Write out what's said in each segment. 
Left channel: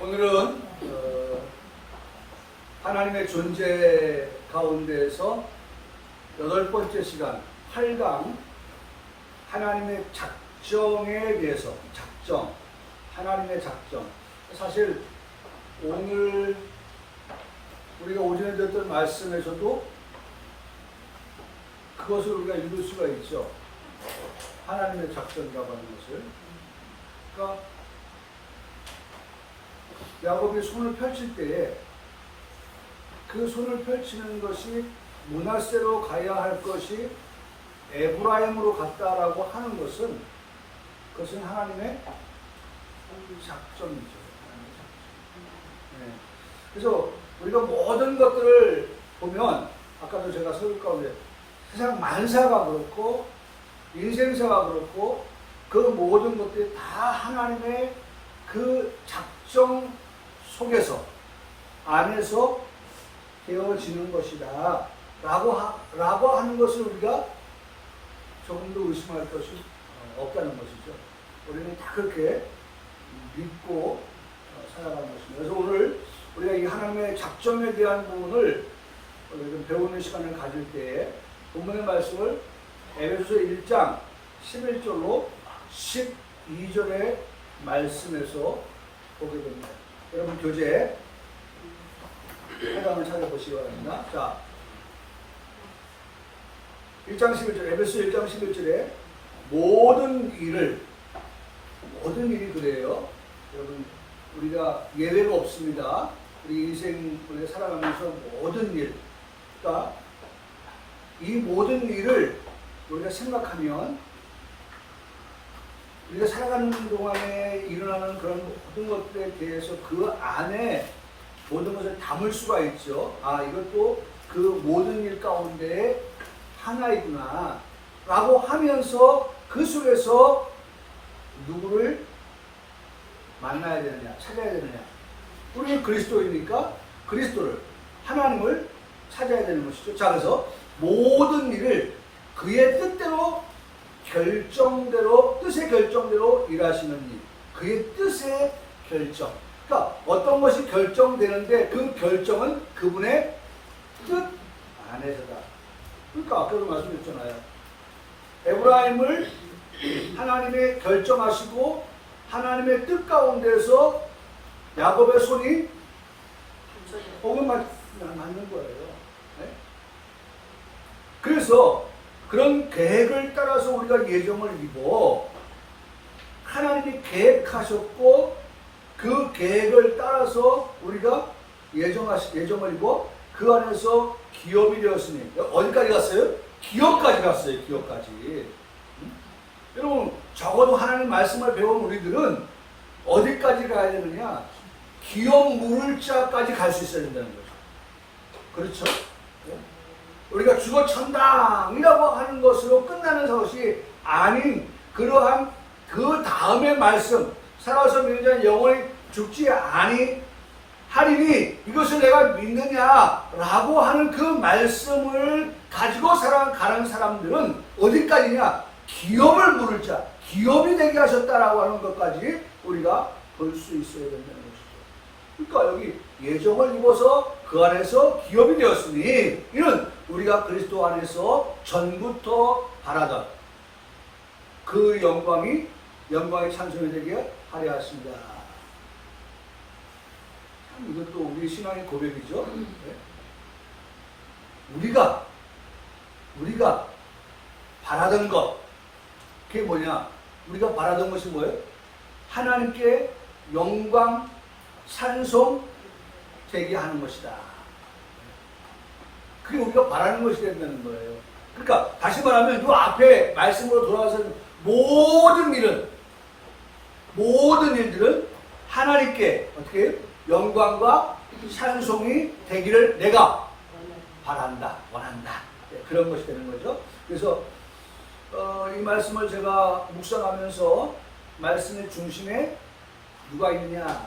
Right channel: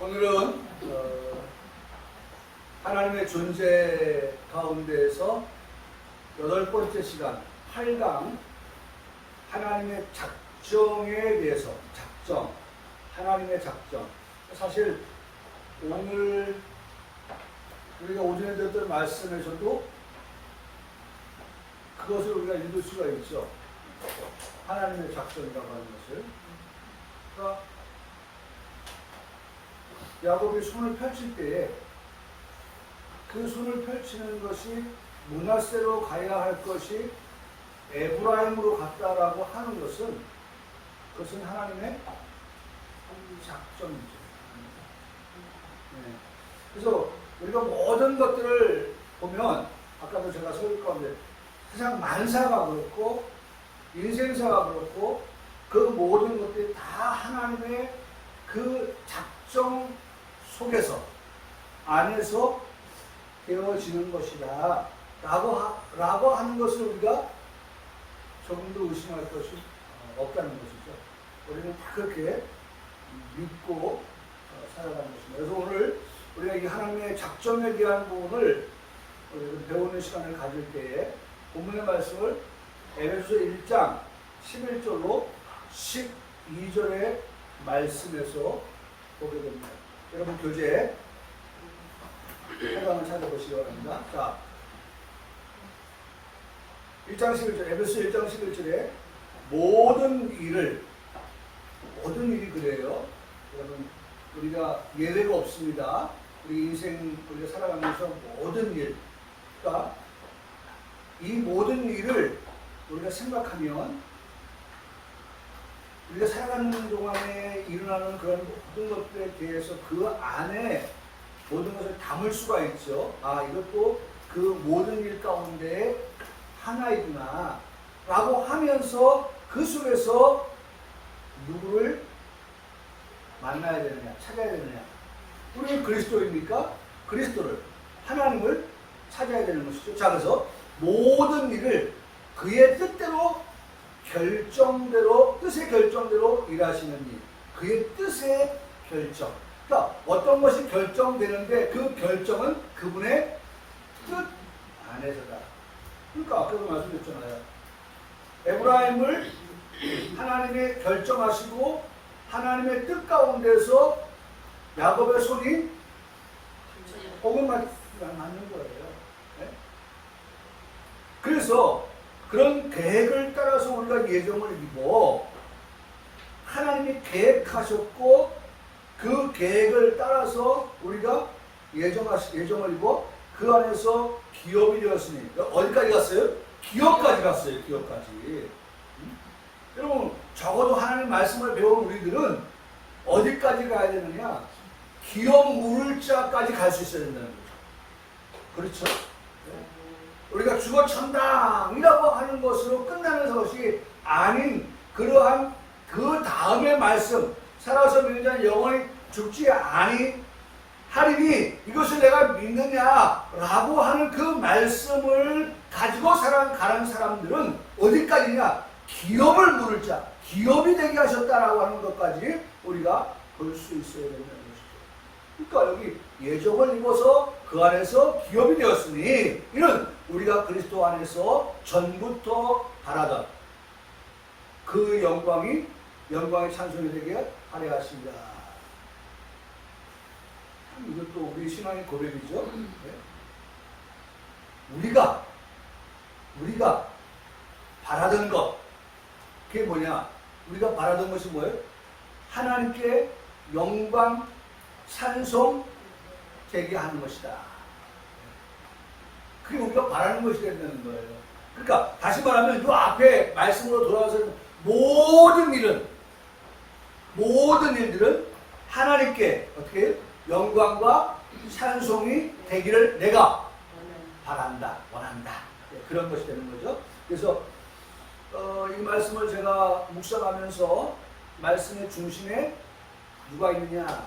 오늘은 하나님의 존재 가운데에서 8번째 시간 8강 하나님의 작정에 대해서 하나님의 작정. 사실 오늘 우리가 오전에 들었던 말씀에서도 그것을 우리가 읽을 수가 있죠. 하나님의 작정이라고 하는 것을. 그러니까 야곱이 손을 펼칠 때에 그 손을 펼치는 것이 므낫세로 가야 할 것이 에브라임으로 갔다라고 하는 것은 그것은 하나님의 작정이죠. 네. 그래서 우리가 모든 것들을 보면 아까도 제가 설교 가운데 세상 만사가 그렇고 인생사가 그렇고 그 모든 것들이 다 하나님의 그 작정 속에서 안에서 되어지는 것이다 라고 하는 것을 우리가 조금도 의심할 것이 없다는 것이죠. 우리는 다 그렇게 믿고 살아가는 것입니다. 그래서 오늘 우리가 이 하나님의 작정에 대한 부분을 좀 배우는 시간을 가질 때에 본문의 말씀을 에베소서 1장 11절로 12절의 말씀에서 보게 됩니다. 여러분 교재 해당을 찾아보시기 바랍니다. 자, 1장 11절, 에베소 1장 11절에 모든 일이 그래요. 여러분 우리가 예외가 없습니다. 우리 인생 우리가 살아가면서 모든 일, 그러니까 이 모든 일을 우리가 생각하면 우리가 살아가는 동안에 일어나는 그런 모든 것들에 대해서 그 안에 모든 것을 담을 수가 있죠. 아, 이것도 그 모든 일 가운데 하나이구나 라고 하면서 그 속에서 누구를 만나야 되느냐, 찾아야 되느냐. 우리는 그리스도이니까 그리스도를, 하나님을 찾아야 되는 것이죠. 자, 그래서 모든 일을 그의 뜻대로 뜻의 결정대로 일하시는 일. 그의 뜻의 결정. 그러니까 어떤 것이 결정되는데 그 결정은 그분의 뜻 안에서다. 그러니까 아까도 말씀드렸잖아요. 에브라임을 하나님의 결정하시고 하나님의 뜻 가운데서 야곱의 손이 복을 맞는 거예요. 네? 그래서 그런 계획을 따라서 우리가 예정을 입어 하나님이 계획하셨고 그 계획을 따라서 우리가 예정을 입어 그 안에서 기업이 되었으니 어디까지 갔어요? 기업까지 갔어요. 기업까지. 여러분 적어도 하나님 말씀을 배운 우리들은 어디까지 가야 되느냐? 기업 물을 자까지 갈 수 있어야 된다는 거죠. 그렇죠? 네? 우리가 죽어 천당이라고 하는 것으로 끝나는 것이 아닌 그러한 그 다음의 말씀, 살아서 믿는 자는 영원히 죽지 아니하리니 이것을 내가 믿느냐라고 하는 그 말씀을 가지고 살아가는 사람들은 어디까지냐? 기업을 물을 자, 기업이 되게 하셨다라고 하는 것까지 우리가 볼 수 있어야 된다는 것이죠. 그러니까 여기 예정을 입어서 그 안에서 기업이 되었으니 이는 우리가 그리스도 안에서 전부터 바라던 그 영광이 찬송이 되게 하려 하십니다. 참 이것도 우리 신앙의 고백이죠. 네? 우리가 바라던 것, 그게 뭐냐? 우리가 바라던 것이 뭐예요? 하나님께 영광, 찬송 되게 하는 것이다. 그게 우리가 바라는 것이 된다는 거예요. 그러니까 다시 말하면 이 앞에 말씀으로 돌아와서 모든 일들은 하나님께 어떻게 영광과 찬송이 되기를 내가 바란다, 원한다. 네, 그런 것이 되는 거죠. 그래서 이 말씀을 제가 묵상하면서 말씀의 중심에 누가 있느냐?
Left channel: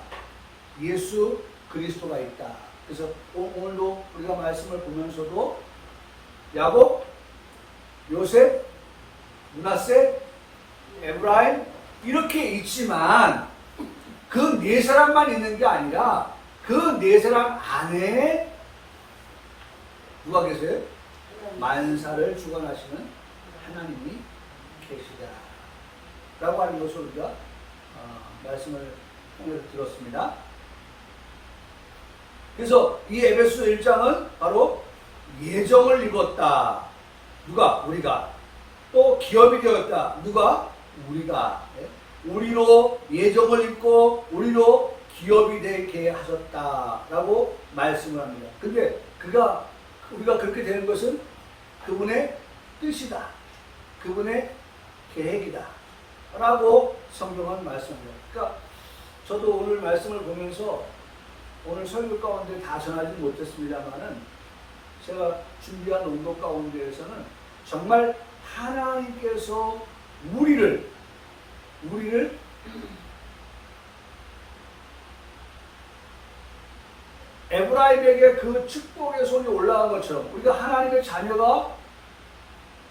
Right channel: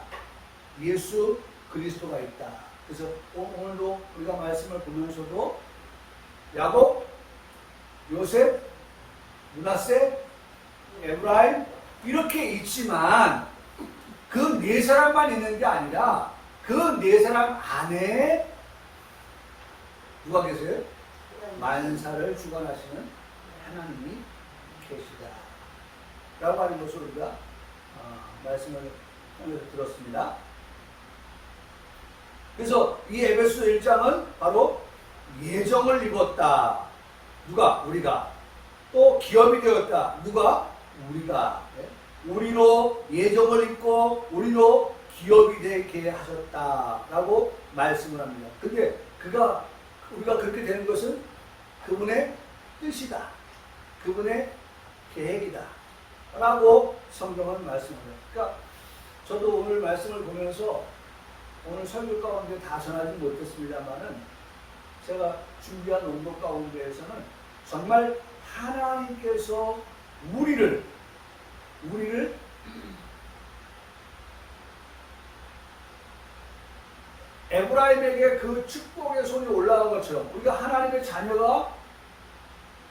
예수 그리스도가 있다. 그래서 오늘도 우리가 말씀을 보면서도 야곱, 요셉, 므낫세, 에브라임 이렇게 있지만 그 네 사람만 있는 게 아니라 그 네 사람 안에 누가 계세요? 만사를 주관하시는 하나님이 계시다 라고 하는 것을 우리가 말씀을 통해서 들었습니다. 그래서 이 에베소 1장은 바로 예정을 입었다. 누가? 우리가. 또 기업이 되었다. 누가? 우리가. 우리로 예정을 입고 우리로 기업이 되게 하셨다라고 말씀을 합니다. 근데 우리가 그렇게 되는 것은 그분의 뜻이다. 그분의 계획이다. 라고 성경은 말씀합니다. 그러니까 저도 오늘 말씀을 보면서 오늘 설교 가운데 다 전하지 못했습니다만은 제가 준비한 운동 가운데에서는 정말 하나님께서 우리를 에브라임에게 그 축복의 손이 올라간 것처럼 우리가 하나님의 자녀가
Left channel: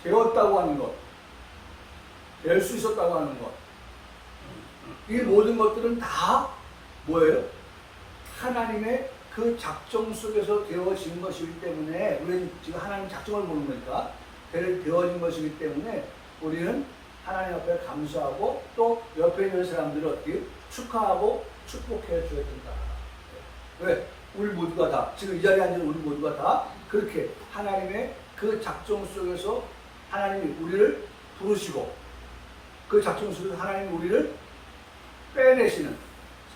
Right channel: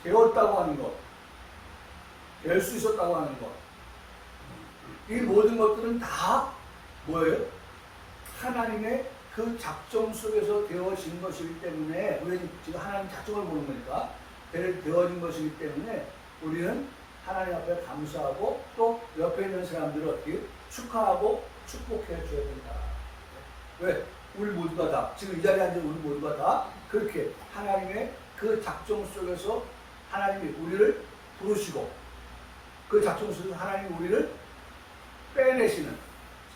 되었다고 하는 것, 될 수 있었다고 하는 것, 이 모든 것들은 다 뭐예요? 하나님의 그 작정 속에서 되어진 것이기 때문에 우리는 지금 하나님 작정을 보는 거니까 되어진 것이기 때문에 우리는 하나님 앞에 감사하고 또 옆에 있는 사람들을 어떻게 축하하고 축복해 줘야 된다. 왜? 우리 모두가 다 지금 이 자리에 앉은 우리 모두가 다 그렇게 하나님의 그 작정 속에서 하나님이 우리를 부르시고 그 작정 속에서 하나님이 우리를 빼내시는,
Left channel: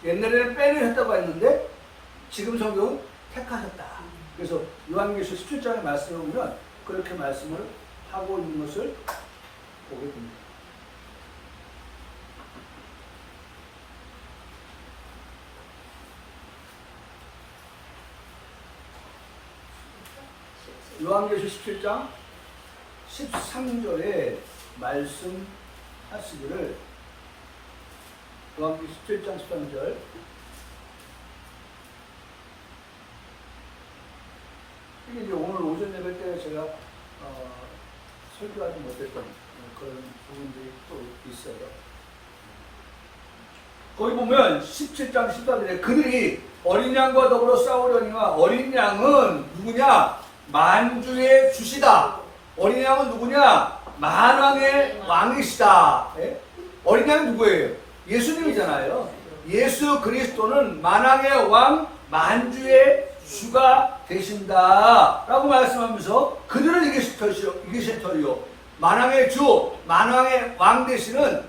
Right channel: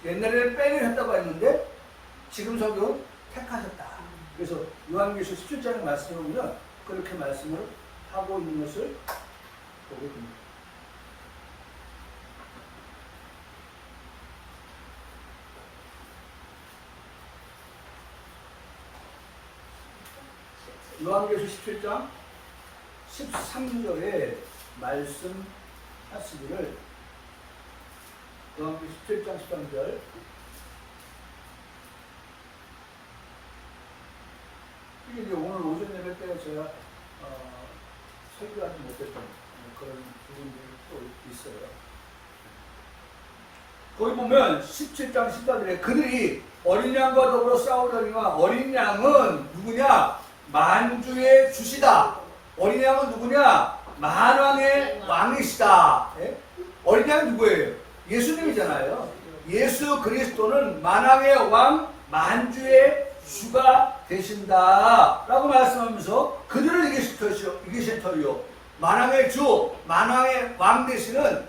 옛날에는 빼내셨다고 했는데 지금 성경은 택하셨다. 그래서 요한계시록 17장의 말씀에 보면 그렇게 말씀을 하고 있는 것을 보게 됩니다. 요한계시록 17장 13절에 말씀하시기를, 요한계시록 17장 13절, 이게 이제 오늘 오전 예배 때 제가 설교하지 못했던 그런 부분들이 또 있어요. 거기 보면 17장 14절에 그들이 어린 양과 더불어 싸우려니와 어린 양은 누구냐? 만주의 주시다. 어린 양은 누구냐? 만왕의 왕이시다. 예? 어린 양이 누구예요? 예수님이잖아요. 예수 그리스도는 만왕의 왕, 만주의 주가 되신다 라고 말씀하면서 그들을 이기실 터이요 만왕의 주, 만왕의 왕 되시는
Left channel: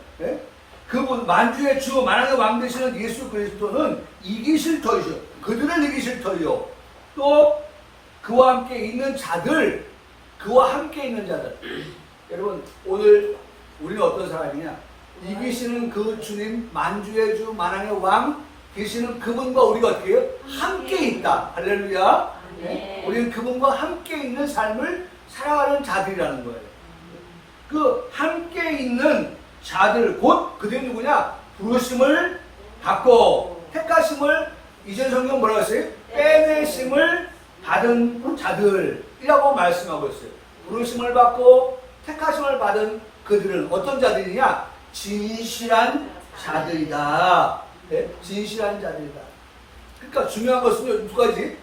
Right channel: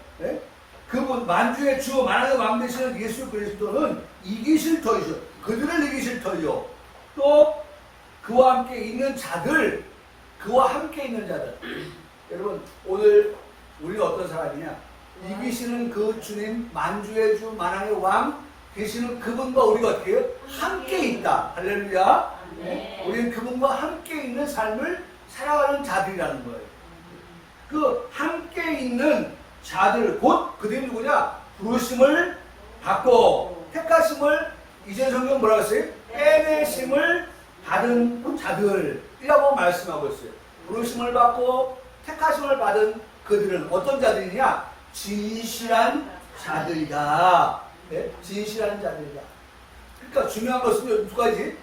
그분, 만주의 주, 만왕의 왕 되시는 예수 그리스도는 이기실 터이죠. 그들을 이기실 터이요 또 그와 함께 있는 자들, 그와 함께 있는 자들. 여러분 오늘 우리는 어떤 사람이냐? 이기시는 그 주님, 만주의 주, 만왕의 왕 계시는 그분과 우리가 어떻게 해요? 함께 있다. 할렐루야. 네. 우리는 그분과 함께 있는 삶을 살아가는 자들이라는 거예요. 그 함께 있는 자들, 곧 그들이 누구냐? 부르심을 받고 택하심을, 이전 성경 뭐라고 했어요? 빼내심을 받은 자들이라고 말씀하고 있어요. 부르심을 받고 택하심을 받은 그들은 어떤 자들이냐? 진실한 자들이다. 네? 진실한 자들이다. 그러니까 중요한 것은 두 가지.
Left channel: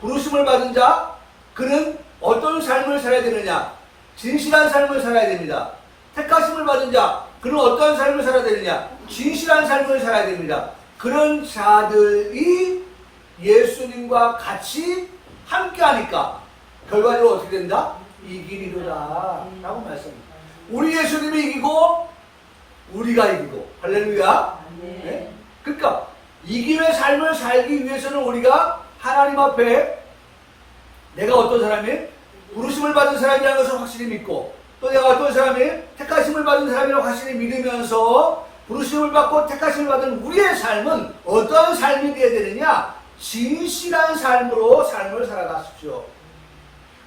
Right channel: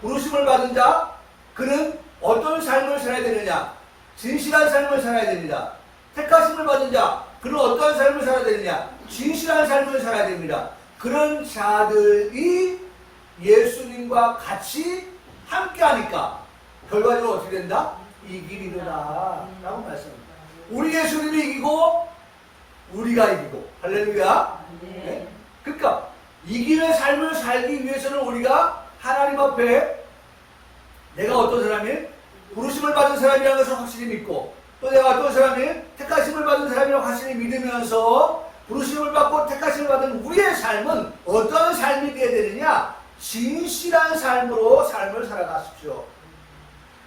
부르심을 받은 자, 그는 어떤 삶을 살아야 되느냐? 진실한 삶을 살아야 됩니다. 택하심을 받은 자, 그는 어떤 삶을 살아야 되느냐? 진실한 삶을 살아야 됩니다. 그런 자들이 예수님과 같이 함께 하니까 결과적으로 어떻게 된다? 이기리로다 라고 말씀합니다. 우리 예수님이 이기고 우리가 이기고, 할렐루야. 네? 그러니까 이기는 삶을 살기 위해서는 우리가 하나님 앞에 내가 어떤 사람이 부르심을 받은 사람이라는 것을 확실히 믿고, 또 내가 어떤 사람이 택하심을 받은 사람이라고 확실히 믿으면서 부르심을 받고 택하심을 받은 우리의 삶은 어떤 삶이 되어야 되느냐? 진실한 삶으로 삶을 살아가십시오.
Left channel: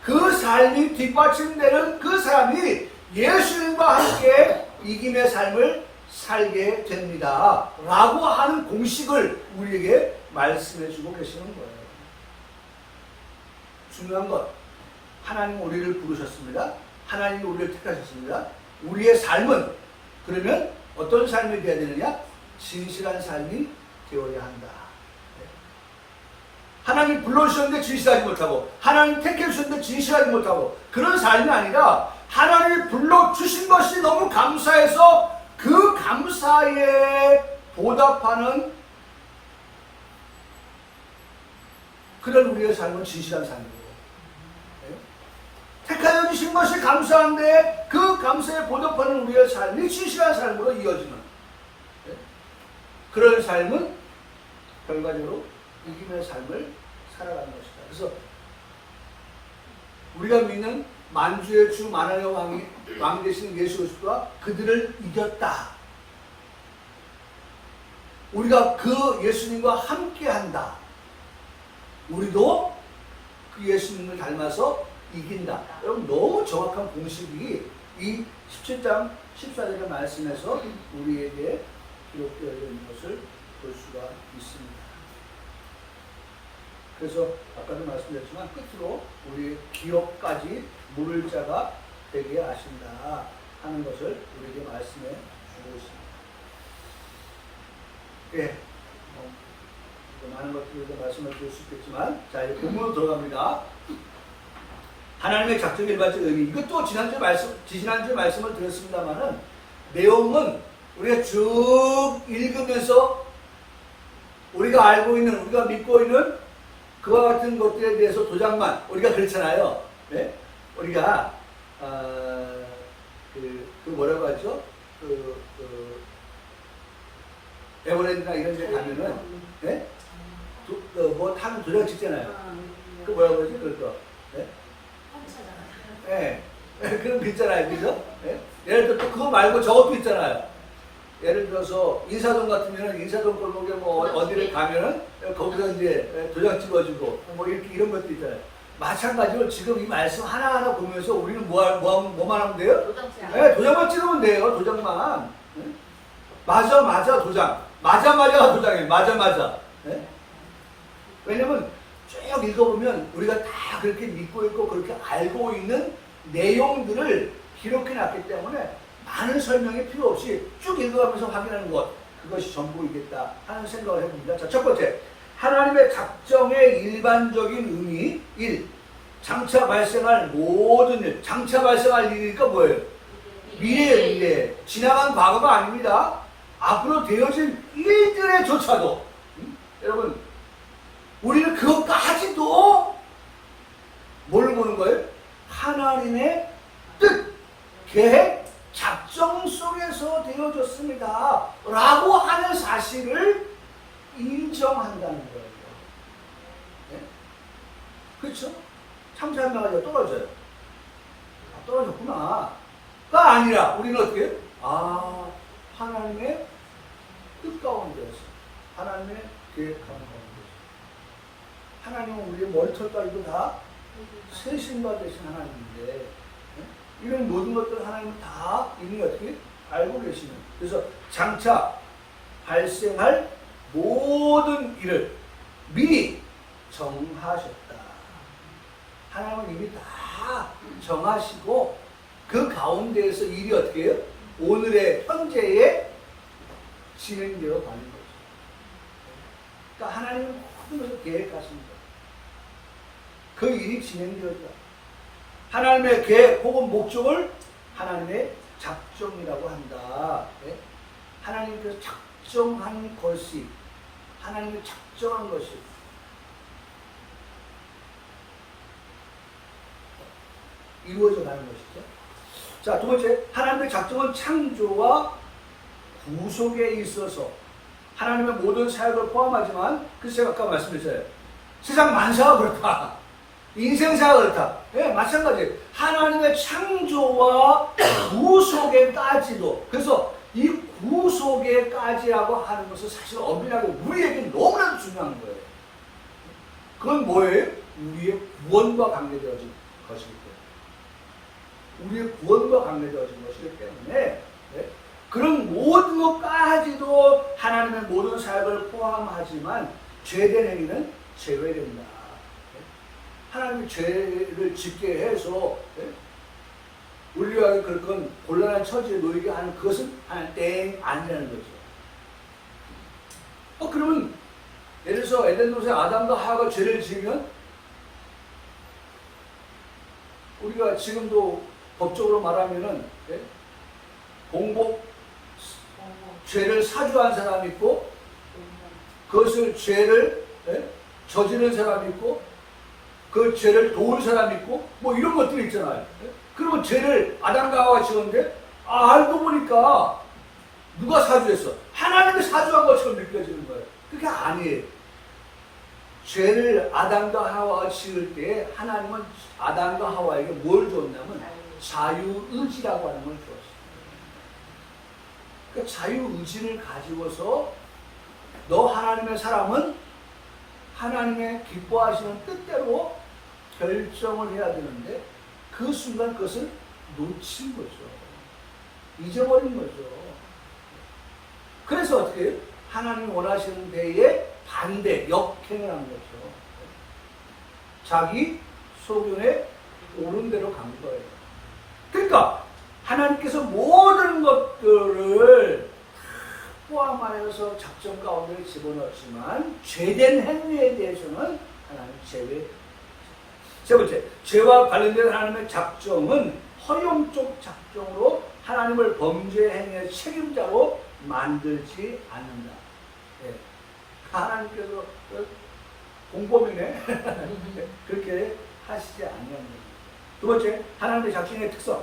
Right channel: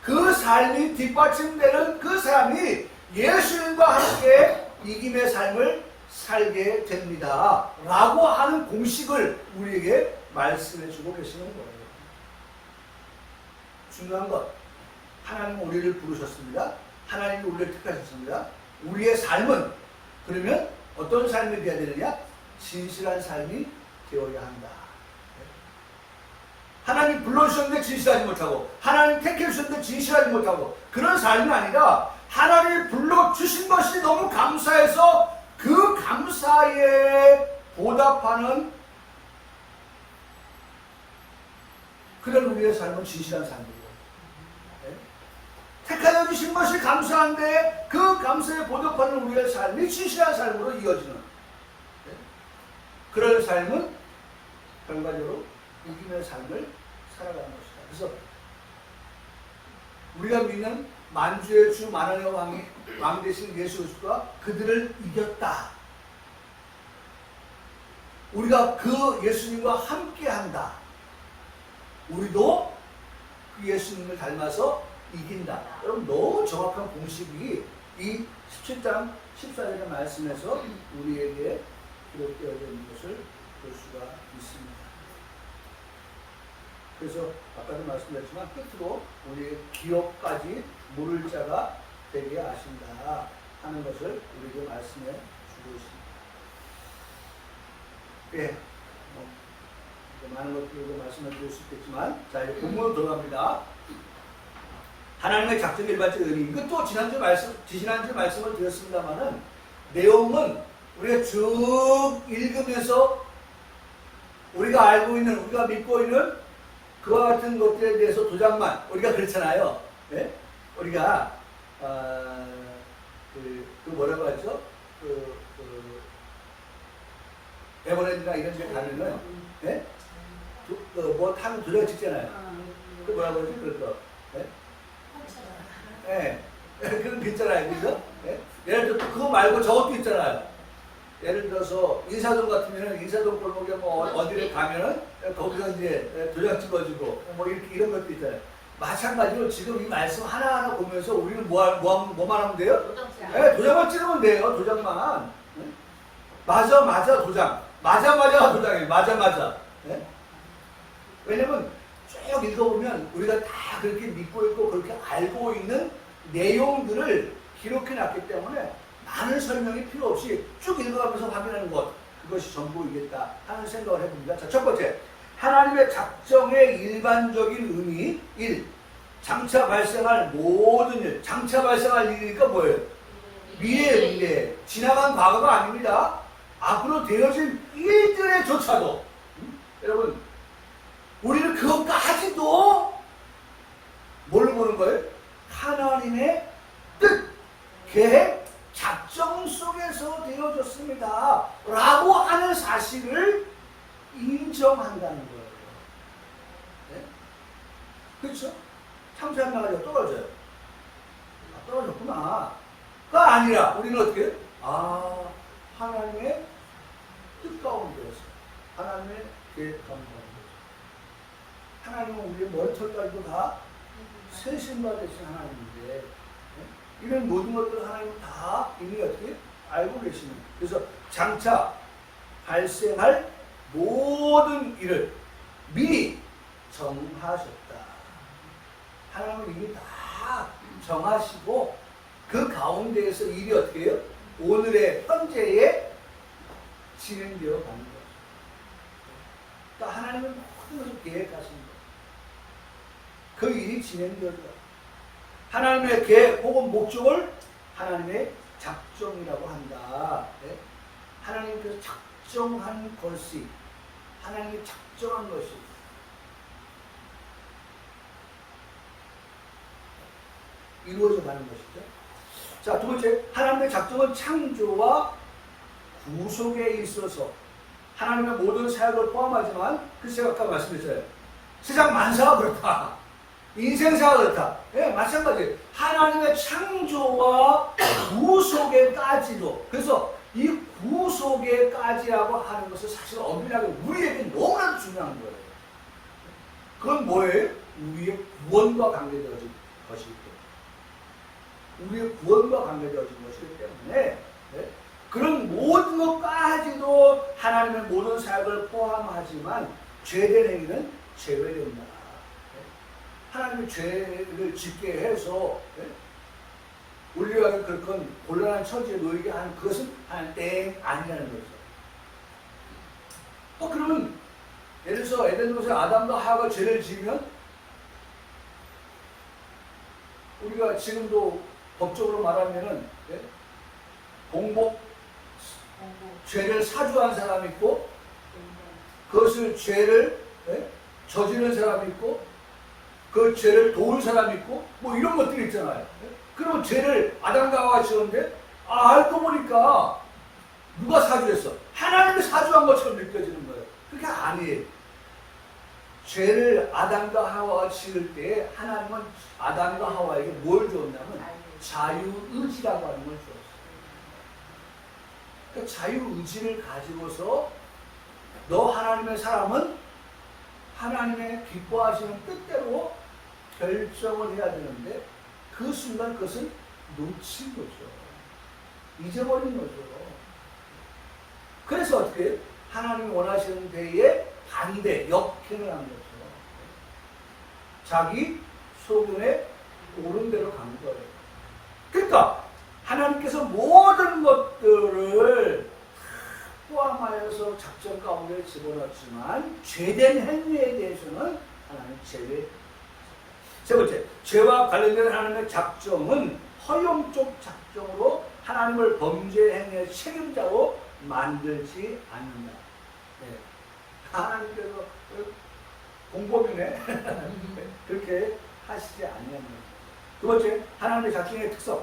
그 삶이 뒷받침되는 그 사람이 예수님과 함께 이김의 삶을 살게 됩니다. 라고 하는 공식을 우리에게 말씀해 주고 계시는 거예요. 중요한 것, 하나님 우리를 부르셨습니다. 하나님이 우리를 택하셨습니다. 우리의 삶은 그러면 어떤 삶이 되어야 되느냐? 진실한 삶이 되어야 한다. 하나님 불러주셨는데 진실하지 못하고, 하나님 택해주셨는데 진실하지 못하고, 그런 삶이 아니라 하나님이 불러주신 것이 너무 감사해서 그 감사에 보답하는 그런 우리의 삶은 진실한 삶이고, 택하여 주신 것이 감사한데 그 감사에 보답하는 우리의 삶이 진실한 삶으로 이어지는 그런 삶은 결과적으로 이김의 삶을 살아가는 것이다. 그래서 우리가 믿는 만주의 주 만왕의 왕 되신 예수 그리스도가 그들을 이겼다. 우리가 그 예수님과 함께한다. 우리도 그 예수님을 닮아서 이긴다. 여러분 너무 정확한 공식이 이 17장 14절의 말씀에서 우리에게 기록되어 있는 것을 볼 수가 있습니다. 그래서 아까도 말씀드렸지만 끝으로 우리의 기업까지 물을 자가 되게 하신다 하는 것을 우리에게 말씀해 주고 있습니다. 예, 많은 것들을 말씀을 드릴 수 있겠지만, 자, 이제 본문으로 들어갑니다. 하나님의 작정 일반적 의미. 이것도 지난주 말씀을 드렸습니다만은, 내용은 우리가 쭉 읽으면서 우리가 알고 있는, 우리가 믿고 있는 그와 같은 것들에 대해서 도장만, 우리가 그렇잖아요. 네? 우리가, 뭐라고 하죠? 에버랜드나 이런 데 가면은, 네? 뭐 타는 도장 찍잖아요. 그 뭐라고 그러지? 그거. 네? 네. 그런 거 있잖아요. 그죠? 네? 예를 들어 또 그거 말고 저것도 있잖아요. 예를 들어서 인사동 같으면은 인사동 골목에 뭐 어디를 가면은 거기서 이제 도장 찍어주고 뭐 이렇게 이런 것도 있잖아요. 마찬가지로 지금 이 말씀 하나하나 보면서 우리는 뭐만 하면 돼요? 네, 도장만 찍으면 돼요. 도장만. 네? 맞아 도장. 맞아 도장이에요. 맞아. 네? 왜냐면 쭉 읽어보면 우리가 다 그렇게 믿고 있고 그렇게 알고 있는 내용들을 기록해 놨기 때문에 많은 설명이 필요 없이 쭉 읽어가면서 확인하는 것, 그것이 전부이겠다 하는 생각을 해봅니다. 자, 첫 번째, 하나님의 작정의 일반적인 의미 1. 장차 발생할 모든 일. 장차 발생할 일이니까 뭐예요? 미래. 지나간 과거가 아닙니다. 앞으로 되어질 일들에조차도 여러분, 우리는 그것까지도 뭘로 보는 거예요? 하나님의 뜻, 계획, 작정 속에서 되어졌습니다 라고 하는 사실을 인정한다는 거예요. 네? 그렇죠? 참사한마가지가 떨어져요. 떨어졌구나 가 아니라 우리는 어떻게 해요? 하나님의 뜻 가운데서, 하나님의 계획 가운데서, 하나님은 우리의 머리털까지도 다 세신바 되신 하나님인데, 네? 이런 모든 것들을 하나님은 다 이미 어떻게 알고 계시는, 그래서 장차 발생할 모든 일을 미리 정하셨다. 하나님은 이미 다 정하시고 그 가운데에서 일이 어떻게 해요? 오늘의 현재에 진행되어 가는 거죠. 그러니까 하나님은 모든 것을 계획하신 거예요. 그 일이 진행되어져요. 하나님의 계획 혹은 목적을 하나님의 작정이라고 한다. 네? 하나님께서 작정한 것이, 하나님이 작정한 것이 이루어져 가는 것이죠. 자, 두 번째, 하나님의 작정은 창조와 구속에 있어서 하나님의 모든 사역을 포함하지만, 글쎄 아까 말씀드렸잖아요. 세상 만사가 그렇다. 인생사가 그렇다. 예, 마찬가지. 하나님의 창조와 구속에까지도. 그래서 이 구속에까지라고 하는 것은 사실 엄밀하게 우리에게 너무나도 중요한 거예요. 그건 뭐예요? 우리의 구원과 관계되어진 것이기 때문에. 우리의 구원과 관계되어진 것이기 때문에, 네? 그런 모든 것까지도 하나님의 모든 사역을 포함하지만 죄된 행위는 제외된다. 네? 하나님이 죄를 짓게 해서, 네? 우리와 그런 곤란한 처지에 놓이게 하는 그것은 하나님 땡 아니라는 거죠. 그러면 예를 들어서 에덴 동산에 아담과 하와가 죄를 지으면 우리가 지금도 법적으로 말하면은 공복 죄를 사주한 사람이 있고 그것을 죄를 저지른 사람이 있고 그 죄를 도울 사람이 있고 뭐 이런 것들이 있잖아요. 그러면 죄를 아담과 하와가 지었는데 알고 보니까 누가 사주했어? 하나님이 사주한 것처럼 느껴지는 거예요. 그게 아니에요. 죄를 아담과 하와가 지을 때 하나님은 아담과 하와에게 뭘 줬냐면 자유의지라고 하는 걸 주었어요. 그 자유의지를 가지고서 너 하나님의 사람은 하나님의 기뻐하시는 뜻대로 결정을 해야 되는데 그 순간 그것을 놓친 거죠. 잊어버린 거죠. 그래서 어떻게 하나님이 원하시는 데에 반대, 역행을 한 거죠. 자기 소견에 옳은 대로 간 거예요. 그러니까 하나님께서 모든 것들을 포함하여서 작전 가운데 집어넣었지만 죄된 행위에 대해서는 하나님 제외. 세 번째, 죄와 관련된 하나님의 작정은 허용적 작정으로 하나님을 범죄 행위의 책임자로 만들지 않는다. 네. 하나님께서 공범이네 그렇게 하시지 아니하는 겁니다. 두 번째, 하나님의 작정의 특성.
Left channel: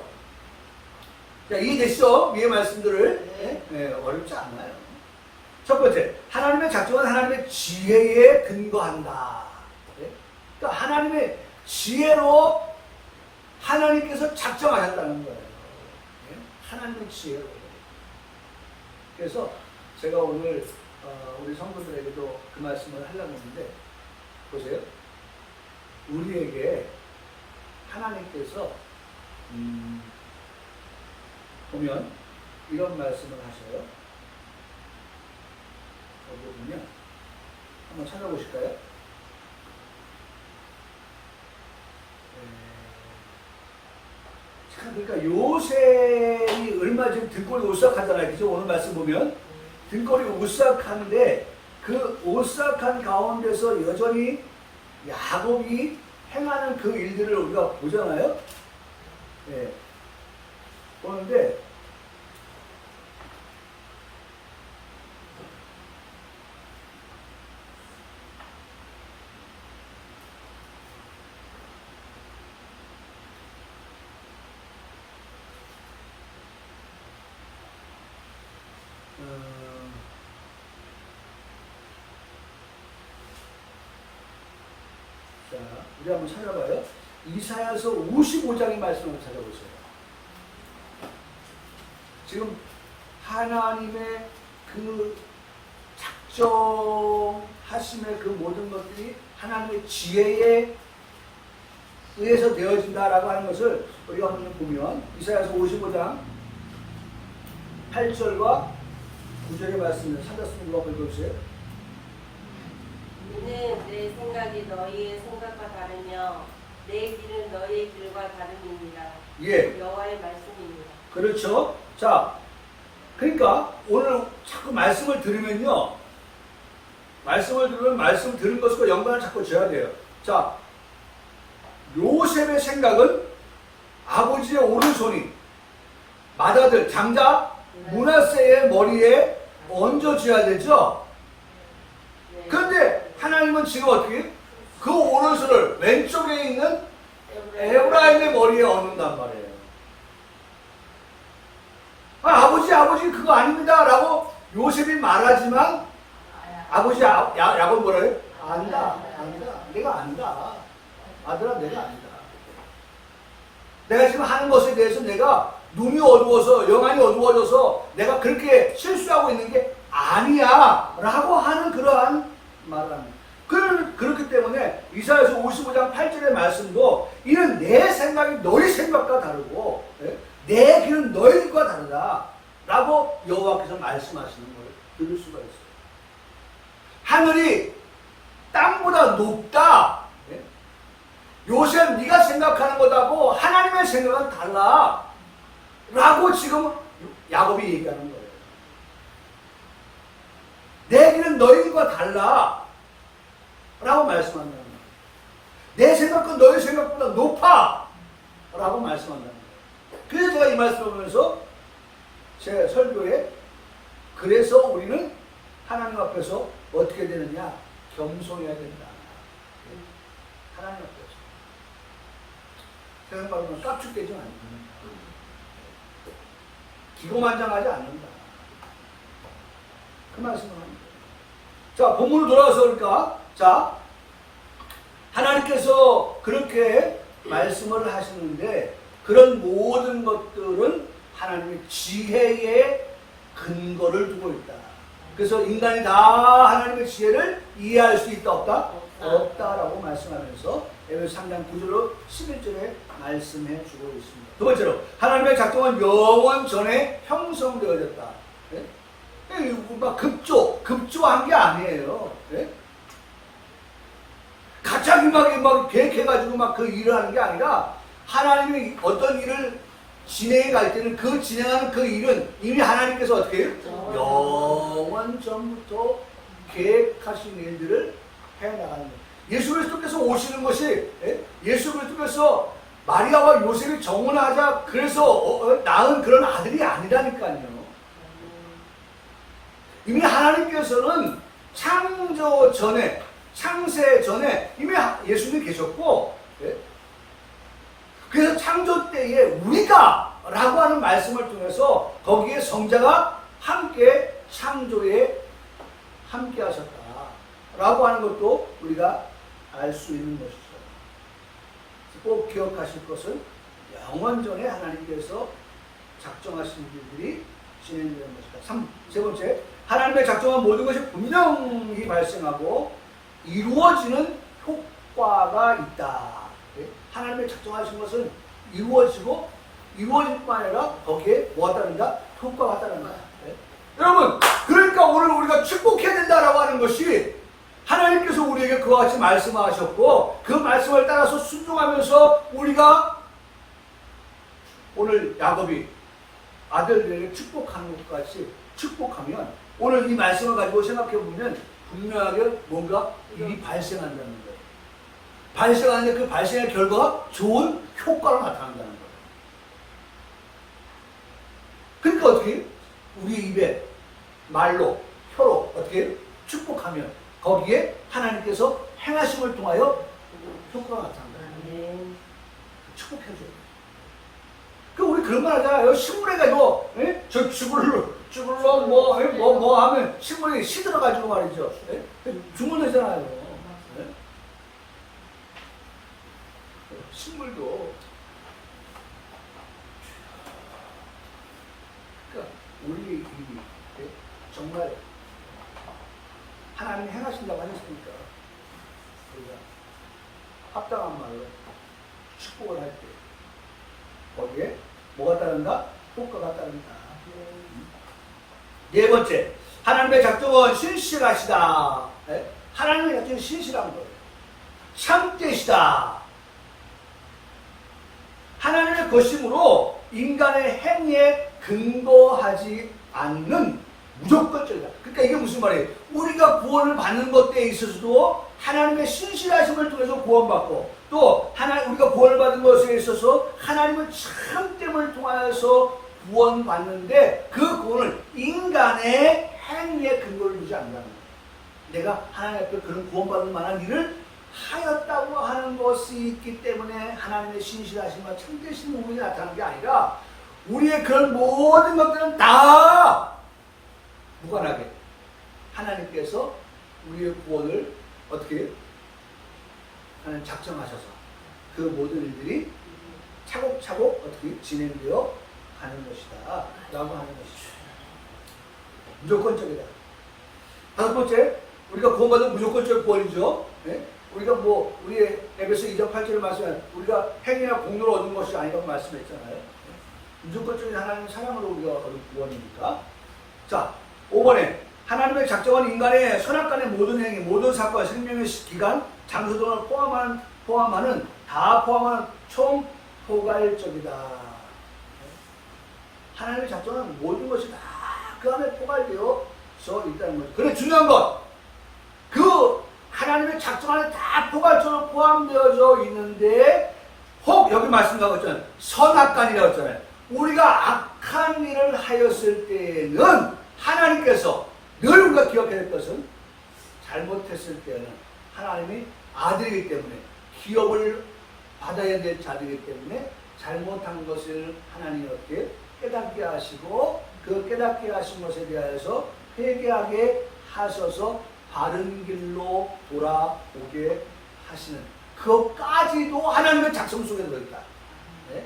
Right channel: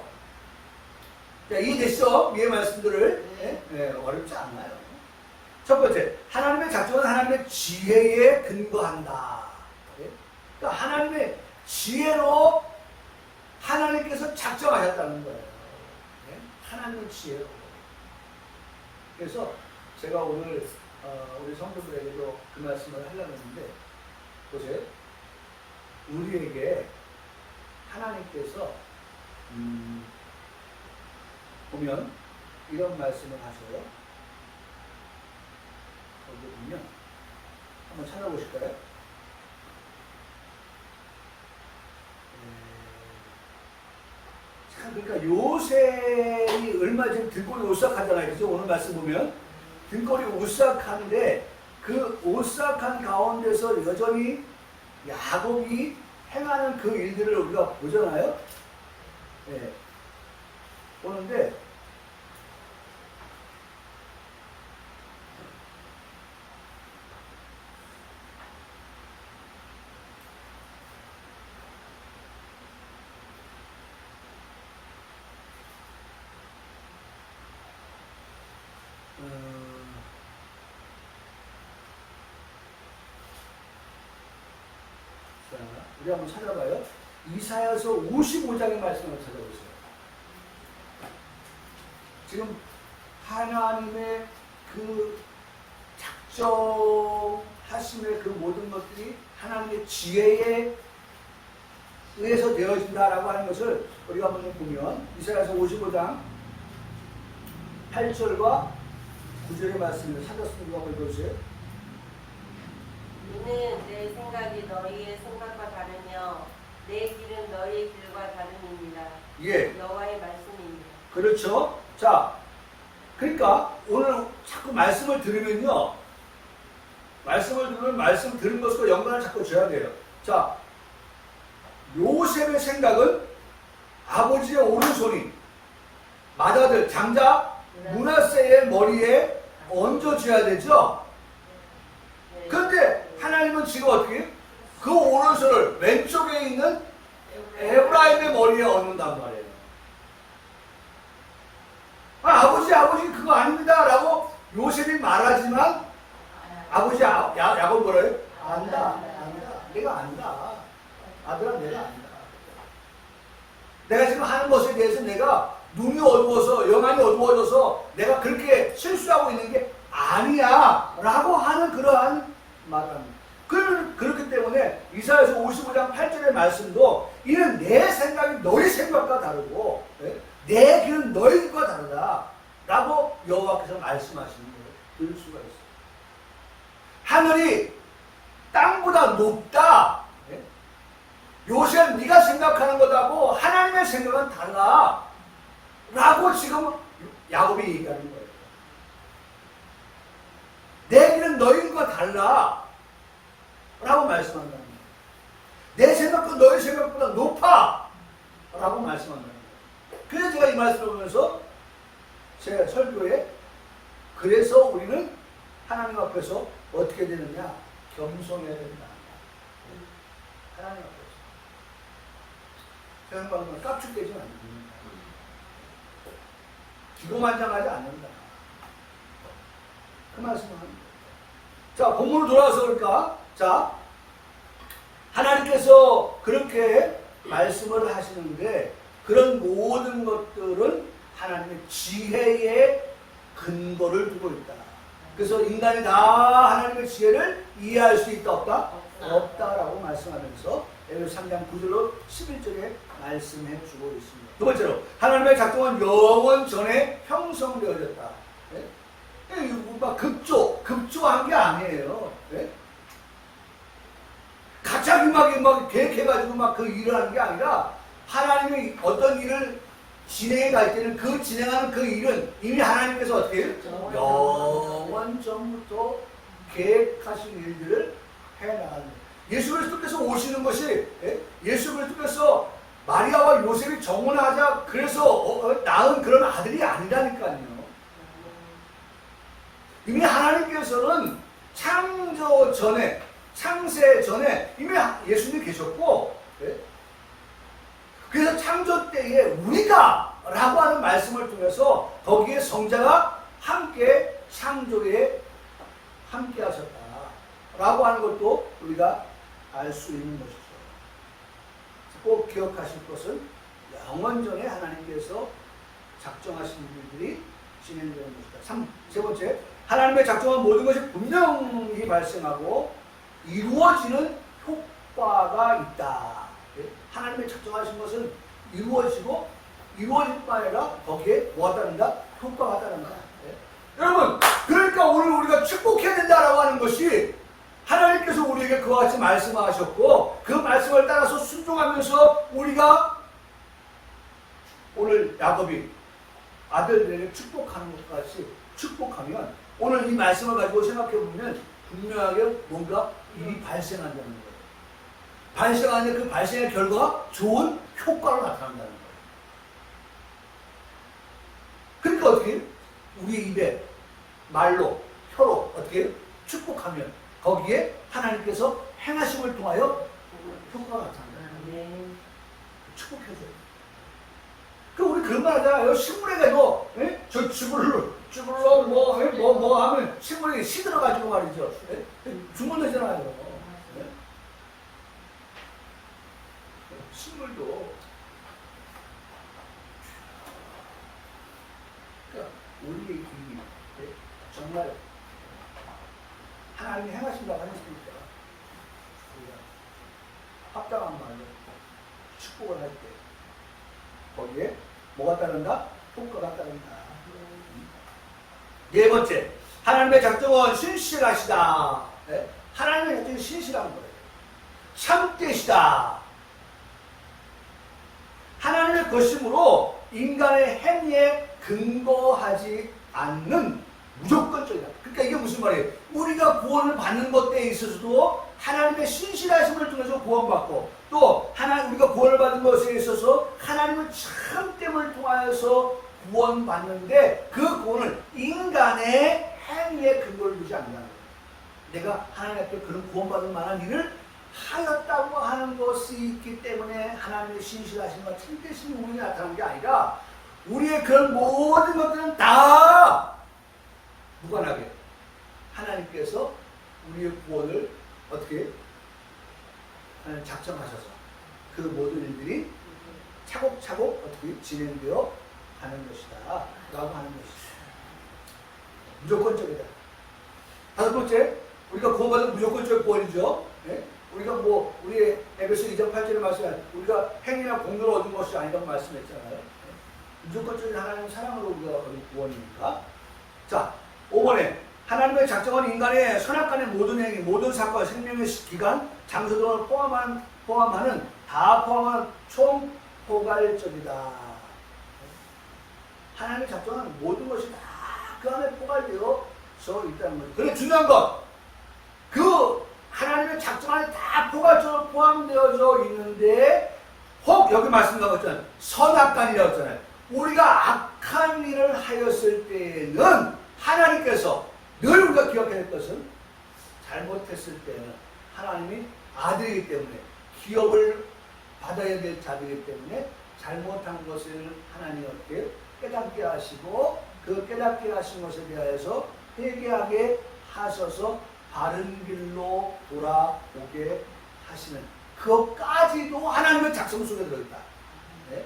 자, 이해됐죠? 위의 말씀들을. 네, 어렵지 않아요. 첫 번째, 하나님의 작정은 하나님의 지혜에 근거한다. 네? 그러니까 하나님의 지혜로 하나님께서 작정하셨다는 거예요. 네? 하나님의 지혜로. 그래서 제가 오늘 우리 성도들에게도 그 말씀을 하려고 했는데, 보세요. 우리에게 하나님께서 보면 이런 말씀을 하셔요. 거기 보면 한번 찾아보실까요? 참, 그러니까 요셉이 얼마 전에 등골이 오싹하잖아요. 그죠? 오늘 말씀 보면 등골이 오싹한데 그 오싹한 가운데서 여전히 야곱이 행하는 그 일들을 우리가 보잖아요. 네. 보는데 자, 우리 한번 찾아봐요. 이사야서 55장의 말씀을 찾아보세요. 지금 하나님의 그 작정하심의 그 모든 것들이 하나님의 지혜에 의해서 되어진다라고 하는 것을 우리가 한번 보면 이사야서 55장 8절과 9절의 말씀을 찾았으면 누가 읽어주세요. 이는 내 생각이 너희의 생각과 다르며 내 길은 너희의 길과 다름이니라. 예. 여호와의 말씀입니다. 그렇죠. 자, 그러니까 오늘 자꾸 말씀을 들으면요. 말씀을 들으면 말씀 들은 것과 연관을 자꾸 줘야 돼요. 자, 요셉의 생각은 아버지의 오른손이 맏아들 장자 므낫세의 머리에 얹어줘야 되죠. 그런데 하나님은 지금 어떻게 그 오른손을 왼쪽에 있는 에브라임의 머리에 얹는단 말이에요. 아버지 그거 아닙니다 라고 요셉이 말하지만 아버지 야곱 뭐래요? 안다 내가 안다. 아들아 내가 안다. 내가 지금 하는 것에 대해서 내가 눈이 어두워서 영안이 어두워져서 내가 그렇게 실수하고 있는 게 아니야 라고 하는 그러한 말을 합니다. 그렇기 때문에 이사야서 55장 8절의 말씀도 이는 내 생각이 너희 생각과 다르고 내 길은 너희 길과 다르다 라고 여호와께서 말씀하시는 걸 들을 수가 있어요. 하늘이 땅보다 높다. 요셉 네가 생각하는 것하고 하나님의 생각은 달라 라고 지금 야곱이 얘기하는 거예요. 내 길은 너희 길과 달라 라고 말씀한다는 거예요. 내 생각은 너희 생각보다 높아 라고 말씀한다는 거예요. 그래서 제가 이 말씀을 보면서 제 설교에 그래서 우리는 하나님 앞에서 어떻게 되느냐? 겸손해야 된다. 하나님 앞에서. 세상 말하면 깝죽대지 않는다. 기고만장하지 않는다. 그 말씀을 하는 거예요. 자, 본문으로 돌아와서 그러니까, 자, 하나님께서 그렇게 말씀을 하시는데, 그런 모든 것들은 하나님의 지혜에 근거를 두고 있다. 그래서 인간이 다 하나님의 지혜를 이해할 수 있다, 없다? 없다라고 말씀하면서 에베소 3장 9절로 11절에 말씀해 주고 있습니다. 두 번째로, 하나님의 작정은 영원 전에 형성되어졌다. 예? 막 급조한 게 아니에요. 예? 갑자기 막 계획해가지고 막 그 일을 하는 게 아니라 하나님이 어떤 일을 진행해 갈 때는 그 진행하는 그 일은 이미 하나님께서 어떻게 해요? 영원 전부터 계획하신 일들을 해나가는 거예요. 예수 그리스도께서 오시는 것이 예수 그리스도께서 마리아와 요셉이 정혼하자 그래서 낳은 그런 아들이 아니라니까요. 이미 하나님께서는 창조 전에 창세 전에 이미 예수님이 계셨고 그래서 창조 때에 우리가 라고 하는 말씀을 통해서 거기에 성자가 함께 창조에 함께 하셨다 라고 하는 것도 우리가 알 수 있는 것이죠. 꼭 기억하실 것은 영원전에 하나님께서 작정하신 일들이 진행되는 것이다. 세 번째, 하나님의 작정한 모든 것이 분명히 발생하고 이루어지는 효과가 있다. 하나님의 작정하신 것은 이루어지고 이루어질 뿐 아니라 거기에 뭐가 따른다? 효과가 따른다. 여러분, 그러니까 오늘 우리가 축복해야 된다라고 하는 것이 하나님께서 우리에게 그와 같이 말씀하셨고 그 말씀을 따라서 순종하면서 우리가 오늘 야곱이 아들들에게 축복하는 것과 같이 축복하면 오늘 이 말씀을 가지고 생각해 보면 분명하게 뭔가 일이 발생한다는 거예요. 발생하는 그 발생의 결과가 좋은 효과로 나타난다는 거예요. 그러니까 어떻게 우리 입에 말로 혀로 어떻게 축복하면 거기에 하나님께서 행하심을 통하여 효과가 나타난다. 축복해줘야 돼. 그 우리 그런 말 하잖아요. 식물에가 이거 저 죽을러 뭐 하면 식물이 시들어가지고 말이죠. 죽물러잖아요. 식물도 그러니까 우리의 입이 정말 하나님이 행하신다고 하셨으니까 우리가 합당한 말로 축복을 할 때 거기에 뭐가 따른다? 효과가 따른다. 네 번째, 하나님의 작정은 신실하시다. 하나님의 작정은 신실한 거예요. 참되시다. 하나님의 것이므로 인간의 행위에 근거하지 않는 무조건적이다. 그러니까 이게 무슨 말이에요? 우리가 구원을 받는 것에 있어서도 하나님의 신실하심을 통해서 구원받고 또 우리가 구원을 받은 것에 있어서 하나님의 참됨을 통하여서 구원받는데 그 구원을 인간의 행위에 근거를 두지 않는다는 거예요. 내가 하나님 앞에 그런 구원받을 만한 일을 하였다고 하는 것이 있기 때문에 하나님의 신실하심과 참되심이 우리에게 나타나는 게 아니라 우리의 그런 모든 것들은 다 무관하게 하나님께서 우리의 구원을 어떻게 하나님 작정하셔서 그 모든 일들이 차곡차곡 어떻게 진행되어 가는 것이다 라고 하는 것이죠. 무조건적이다. 다섯 번째, 우리가 구원받은 무조건적 구원이죠. 우리가 우리의 에베소 2장 8절에 말씀한 우리가 행위나 공로로 얻은 것이 아니라고 말씀했잖아요. 무조건적인 하나님의 사랑으로 우리가 얻은 구원이니까. 자, 5번에 하나님의 작정한 인간의 선악간의 모든 행위, 모든 사건, 생명의 기간, 장소 등을 포함하는 총 포괄적이다. 하나님의 작정은 모든 것이 다 그 안에 포괄되어 있다는 거죠. 그런데 중요한 건 그 하나님의 작정 안에 다 포괄적으로 포함되어져 있는데 혹 여기 말씀하고 있잖아요. 선악간이라고 했잖아요. 우리가 악한 일을 하였을 때에는 하나님께서 늘 우리가 기억해야 될 것은 잘못했을 때는 하나님이 아들이기 때문에 기업을 받아야 될 자들이기 때문에 잘못한 것을 하나님이 어떻게 깨닫게 하시고 그 깨닫게 하신 것에 대하여서 회개하게 하셔서 바른 길로 돌아오게 하시는 그것까지도 하나님의 작성 속에 들어있다. 네?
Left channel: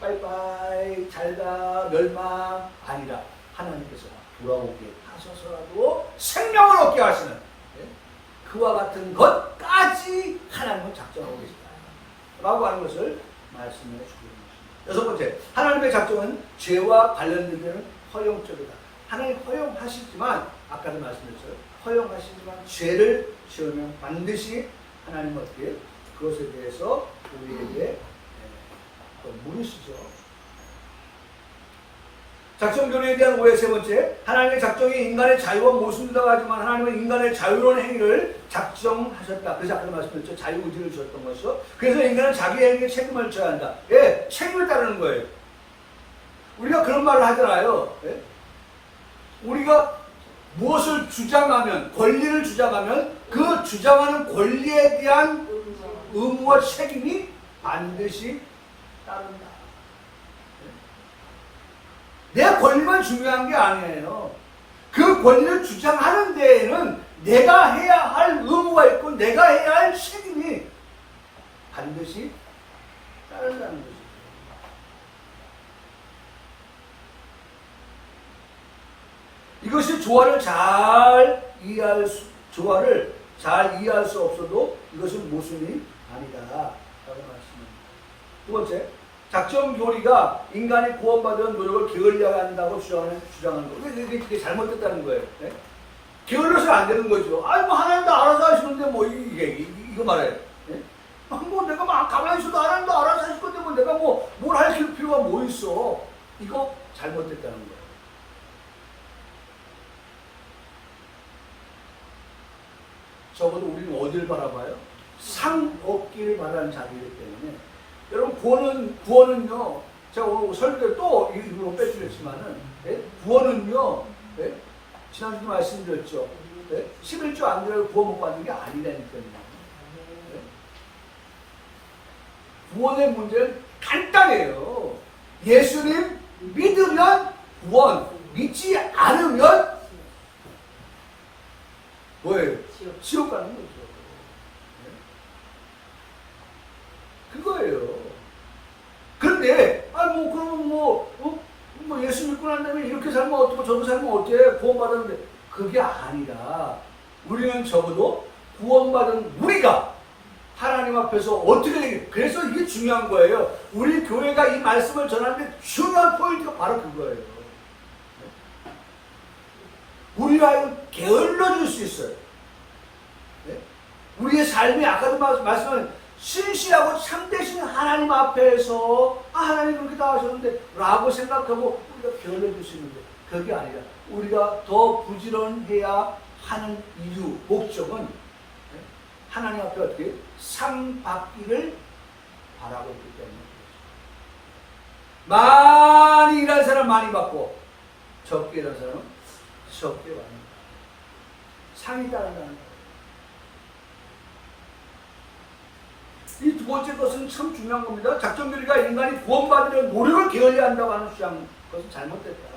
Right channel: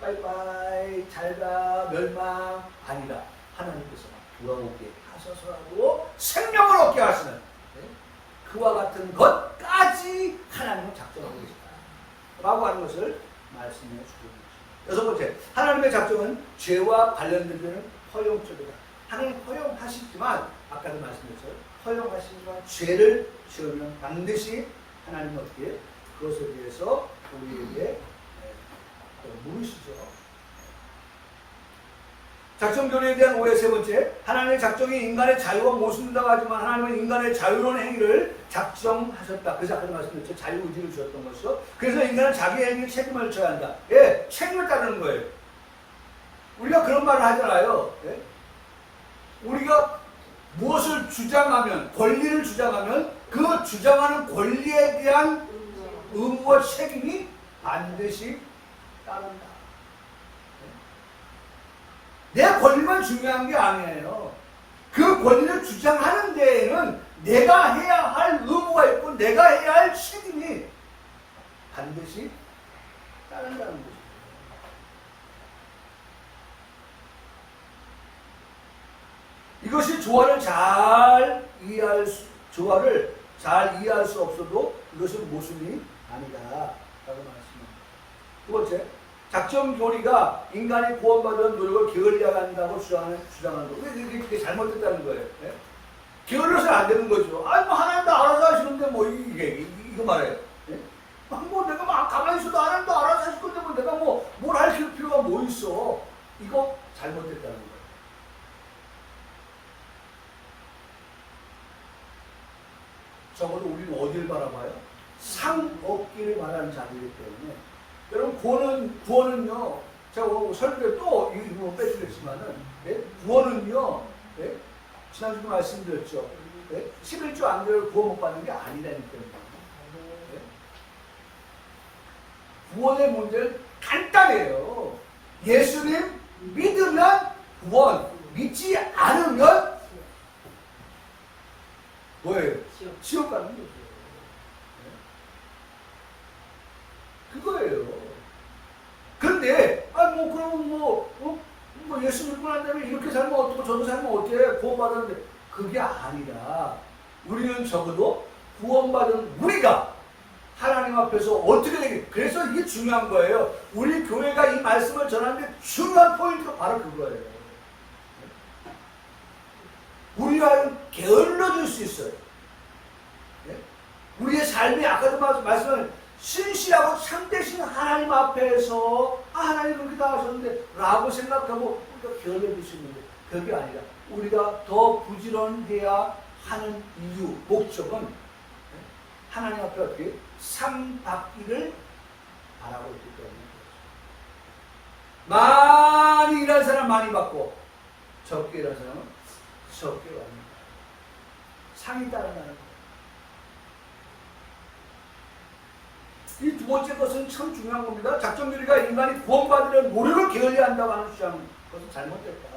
빠이빠이 잘가 멸망 아니라 하나님께서 돌아오게 하셔서라도 생명을 얻게 하시는 네? 그와 같은 것까지 하나님은 작정하고 계시다 라고 하는 것을 말씀해 주고 있습니다. 여섯 번째, 하나님의 작정은 죄와 관련된 데는 허용적이다. 하나님 허용하시지만 아까도 말씀드렸죠. 허용하시지만 죄를 지으면 반드시 하나님은 어떻게 그것에 대해서 우리에게 또 물으시죠. 작정교리에 대한 오해 세 번째, 하나님의 작정이 인간의 자유와 모순된다고 하지만 하나님은 인간의 자유로운 행위를 작정하셨다. 그래서 아까도 말씀드렸죠. 자유의지를 주셨던 것이죠. 그래서 인간은 자기 행위에 책임을 져야 한다. 예, 책임을 따르는 거예요. 우리가 그런 말을 하잖아요. 예? 우리가 무엇을 주장하면, 권리를 주장하면 그 주장하는 권리에 대한 의무와 책임이 반드시 따른다. 내 권리만 중요한 게 아니에요. 그 권리를 주장하는 데에는 내가 해야 할 의무가 있고 내가 해야 할 책임이 반드시 따른다는 것이죠. 이것이 조화를 잘 이해할 수 없어도 이것은 모순이 아니다 라고 말씀합니다. 두 번째, 작정교리가 인간이 구원받은 노력을 게을리한다고 주장하는 거예요. 그게 잘못됐다는 거예요. 네? 게을러서는 안 되는 거죠. 아니 뭐 하나님도 알아서 하시는데 뭐 이거 말해요. 네? 뭐 내가 막 가만히 있어도 하나님도 알아서 하실 건데 뭐 내가 뭐 뭘 할 필요가 뭐 있어. 이거 잘못됐다는 거예요. 적어도 우리는 어디를 바라봐요? 상 얻기를 바라는 자들이기 때문에 여러분 구원은요 제가 오늘 설교에 또 이거 빼드렸지만은 예? 구원은요 예? 지난주도 말씀드렸죠. 예? 11조 안 되면 구원 못 받는 게 아니라니까요. 예? 구원의 문제는 간단해요. 예수님 믿으면 구원, 믿지 않으면 뭐예요? 지옥 가는 거죠. 네? 그거예요. 그런데 그럼 예수 믿고 난 다음에 이렇게 살면 어떻고 저도 살면 어때? 구원받았는데 그게 아니라 우리는 적어도 구원받은 우리가 하나님 앞에서 어떻게 되게 그래서 이게 중요한 거예요. 우리 교회가 이 말씀을 전하는데 중요한 포인트가 바로 그거예요. 우리가 게을러질 수 있어요. 네? 우리의 삶이 아까도 말씀한 신실하고 참되신 하나님 앞에서 하나님 그렇게 다 하셨는데 라고 생각하고 우리가 게을러질 수 있는데 그게 아니라 우리가 더 부지런해야 하는 이유, 목적은 네? 하나님 앞에 어떻게 상 받기를 바라고 있기 때문에 많이 일한 사람 많이 받고 적게 일한 사람은 적게 받는 거예요. 상이 따른다는 거예요. 이 두 번째 것은 참 중요한 겁니다. 작정교리가 인간이 구원받으려는 노력을 게을리한다고 하는 주장, 그것은 잘못됐다.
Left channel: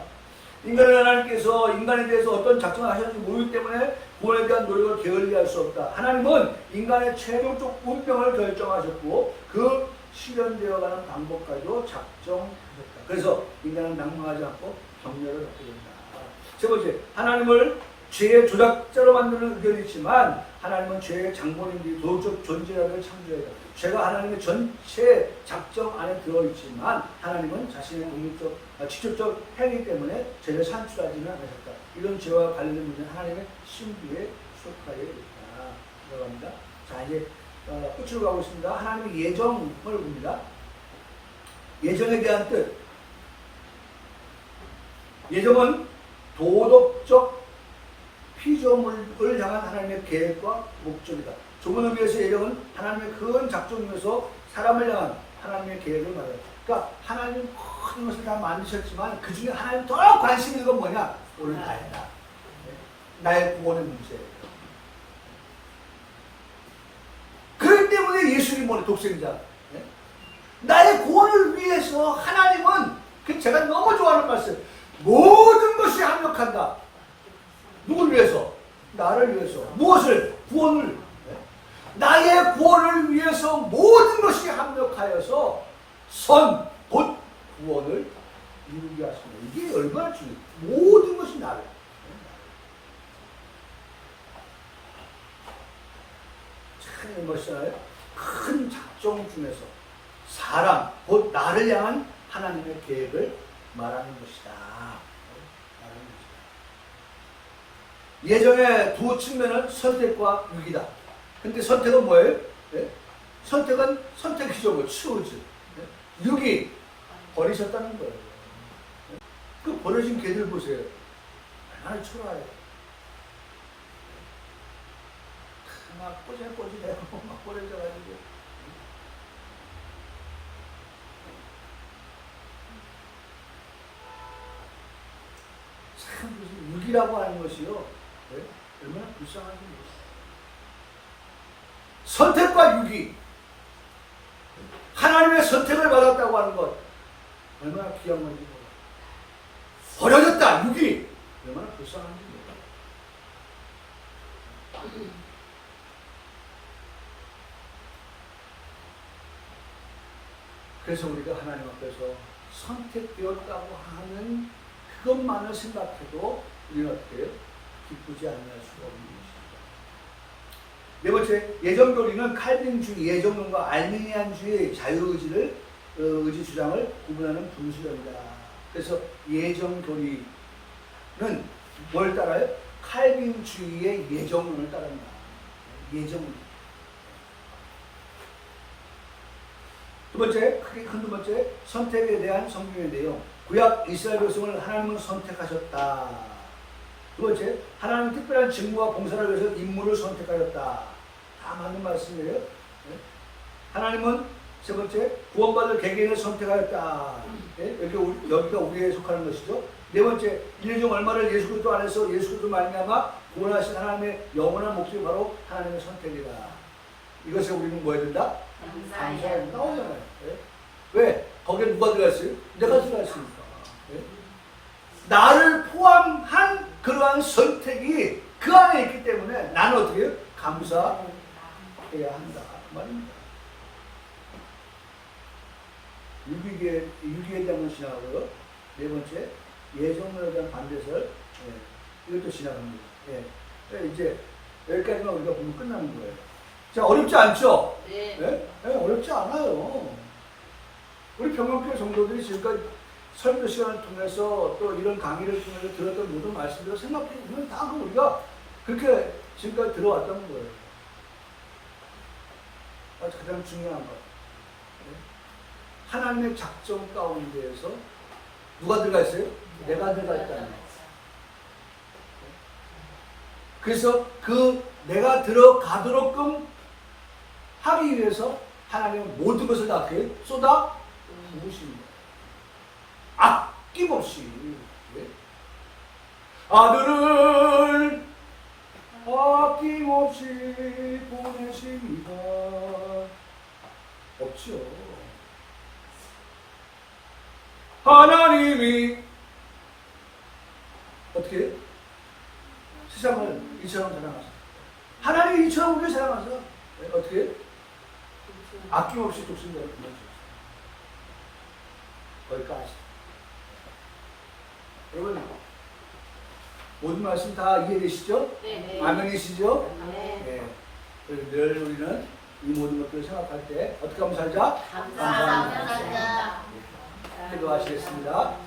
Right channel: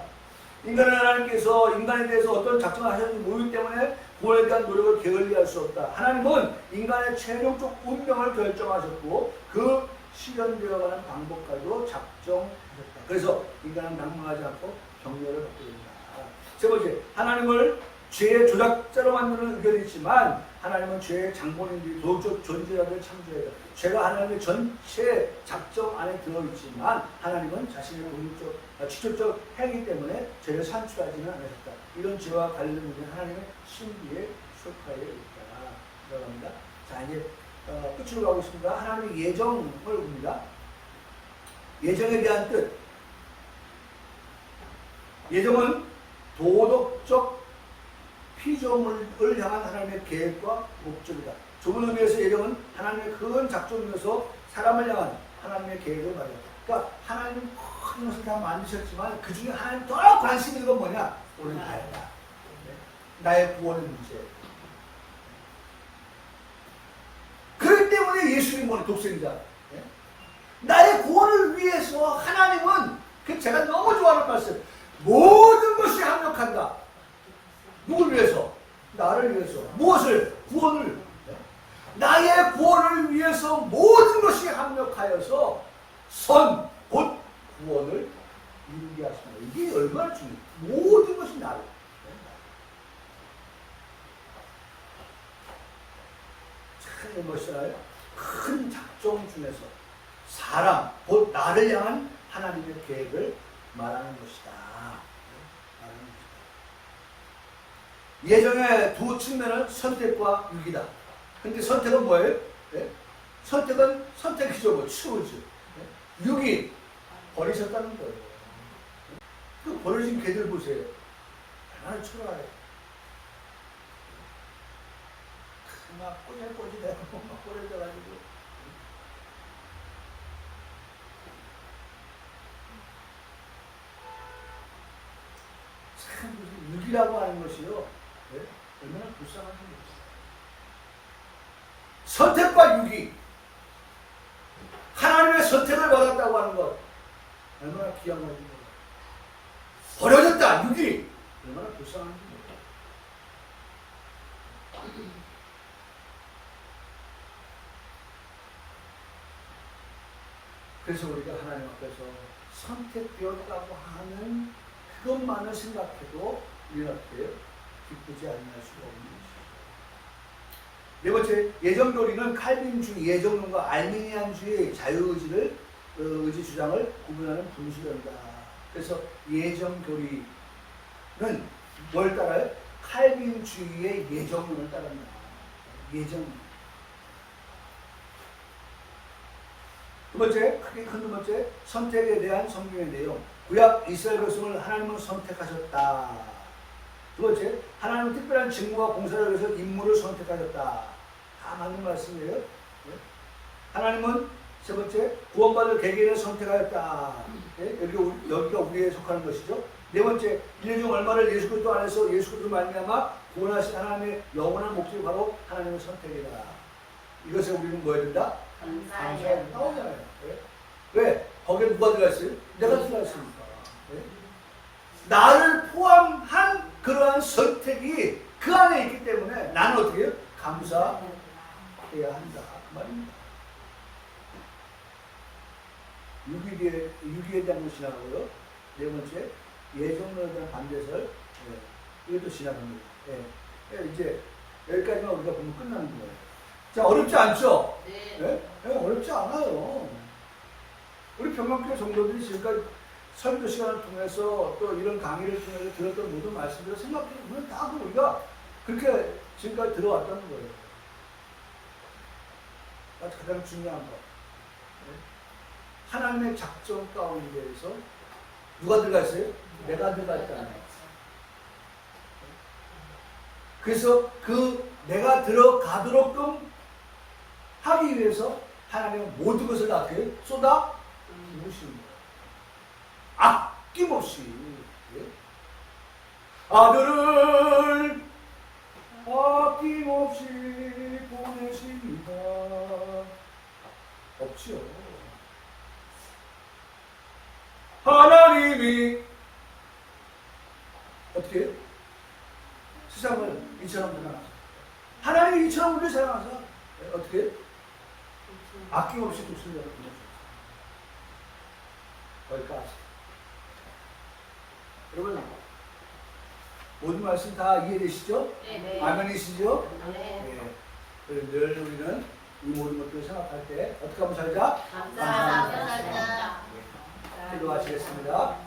인간은 하나님께서 인간에 대해서 어떤 작정을 하셨는지 모르기 때문에 구원에 대한 노력을 게을리할 수 없다. 하나님은 인간의 최종적 운명을 결정하셨고 그 실현되어가는 방법까지도 작정하셨다. 그래서 인간은 낭망하지 않고 격려를 받게 된다. 세 번째, 하나님을 죄의 조작자로 만드는 의견이 있지만 하나님은 죄의 장본인들이 도덕적 존재자들을 창조했다. 죄가 하나님의 전체 작정 안에 들어있지만 하나님은 자신의 독립적, 직접적 행위 때문에 죄를 산출하지는 않으셨다. 이런 죄와 관련된 문제는 하나님의 신비에 속하여 있다. 들어갑니다. 자, 이제 끝으로 가고 있습니다. 하나님의 예정을 봅니다. 예정에 대한 뜻. 예정은 도덕적 피조물을 향한 하나님의 계획과 목적이다. 좁은 의미에서 예정은 하나님의 큰 작정이어서 사람을 향한 하나님의 계획을 말해요. 그러니까 하나님 큰 것을 다 만드셨지만 그 중에 하나님 더 관심 있는 건 뭐냐? 오늘 나이다. 나의 구원의 문제예요. 그렇기 때문에 예수님이 뭐냐? 독생자. 나의 구원을 위해서 하나님은 그 제가 너무 좋아하는 말씀. 모든 것이 합력한다. 누굴 위해서? 나를 위해서. 무엇을? 구원을. 나의 구원을 위해서 모든 것이 합력하여서 선, 곧 구원을 이루게 하십니다. 이게 얼마나 중요해요. 모든 것이 나를. 참 멋있잖아요. 큰 작정 중에서 사람, 곧 나를 향한 하나님의 계획을 말하는 것이다. 예정의 두 측면은 선택과 유기다. 근데 선택은 뭐예요? 네? 선택은 선택이죠. 뭐 치우지. 네? 유기 버리셨다는 거예요. 네? 그 버려진 개들 보세요. 얼마나 초라해요. 막 꼬질꼬질하고 막 버려져가지고. 참 무슨 유기라고 하는 것이요. 네? 얼마나 불쌍한지 모르겠어요. 선택과 유기. 하나님의 선택을 받았다고 하는 것. 얼마나 귀한 건지 몰라요. 버려졌다. 유기. 얼마나 불쌍한지 몰라요. 그래서 우리가 하나님 앞에서 선택되었다고 하는 그것만을 생각해도 우리는 어떻게 해요? 기쁘지 않을 수가 없는 것입니다. 네 번째, 예정교리는 칼빈주의, 예정론과 알미니안주의 자유의지를 의지 주장을 구분하는 분수령이다. 그래서 예정교리는 뭘 따라요? 칼빈주의의 예정론을 따릅니다. 예정론. 두 번째, 크게 큰 두 번째, 선택에 대한 성경의 내용. 구약 이스라엘 백성을 하나님은 선택하셨다. 두 번째, 하나님은 특별한 직무와 봉사를 위해서 인물을 선택하셨다. 다 맞는 말씀이에요. 네? 하나님은 세 번째, 구원받을 개개인을 선택하였다. 네? 여기가 우리에 속하는 것이죠. 네 번째, 인류 중 얼마를 예수 그리스도 안에서 예수 그리스도 말미암아 구원하신 하나님의 영원한 목적이 바로 하나님의 선택이다. 이것을 우리는 뭐 해야 된다? 감사해야 나오잖아요. 네? 왜? 거기에 누가 들어가 있어요? 내가 들어가 있으니까. 네? 나를 포함한 그러한 선택이 그 안에 있기 때문에 나는 어떻게 해요? 감사해야 한다. 그 말입니다. 유기에 대한 건 지나가고요. 네 번째, 예정론에 대한 반대설. 이것도 지나갑니다. 이제 여기까지만 우리가 보면 끝나는 거예요. 자, 어렵지 않죠? 네. 네? 어렵지 않아요. 우리 평강교회 성도들이 지금까지 설교 시간을 통해서 또 이런 강의를 통해서 들었던 모든 말씀들을 생각해보면 다 우리가 그렇게 지금까지 들어왔던 거예요. 가장 중요한 것. 하나님의 작정 가운데에서 누가 들어가 있어요? 내가 들어가 있다는 거. 그래서 그 내가 들어가도록끔 하기 위해서 하나님은 모든 것을 다 쏟아 부으시는 거예요. 아낌없이. 아들을 아낌없이 보내십니다. 없지요. 하나님이 어떻게 세상을 이처럼 사랑하사 하나님이 이처럼 우리를 사랑하사 어떻게 아낌없이 독생자를 보내주셨어요. 거기까지. 여러분 모든 말씀 다 이해되시죠? 네. 아멘이시죠? 네. 늘 우리는 이 모든 것들을 생각할 때 어떻게 하면 살자? 감사합니다. 기도하시겠습니다.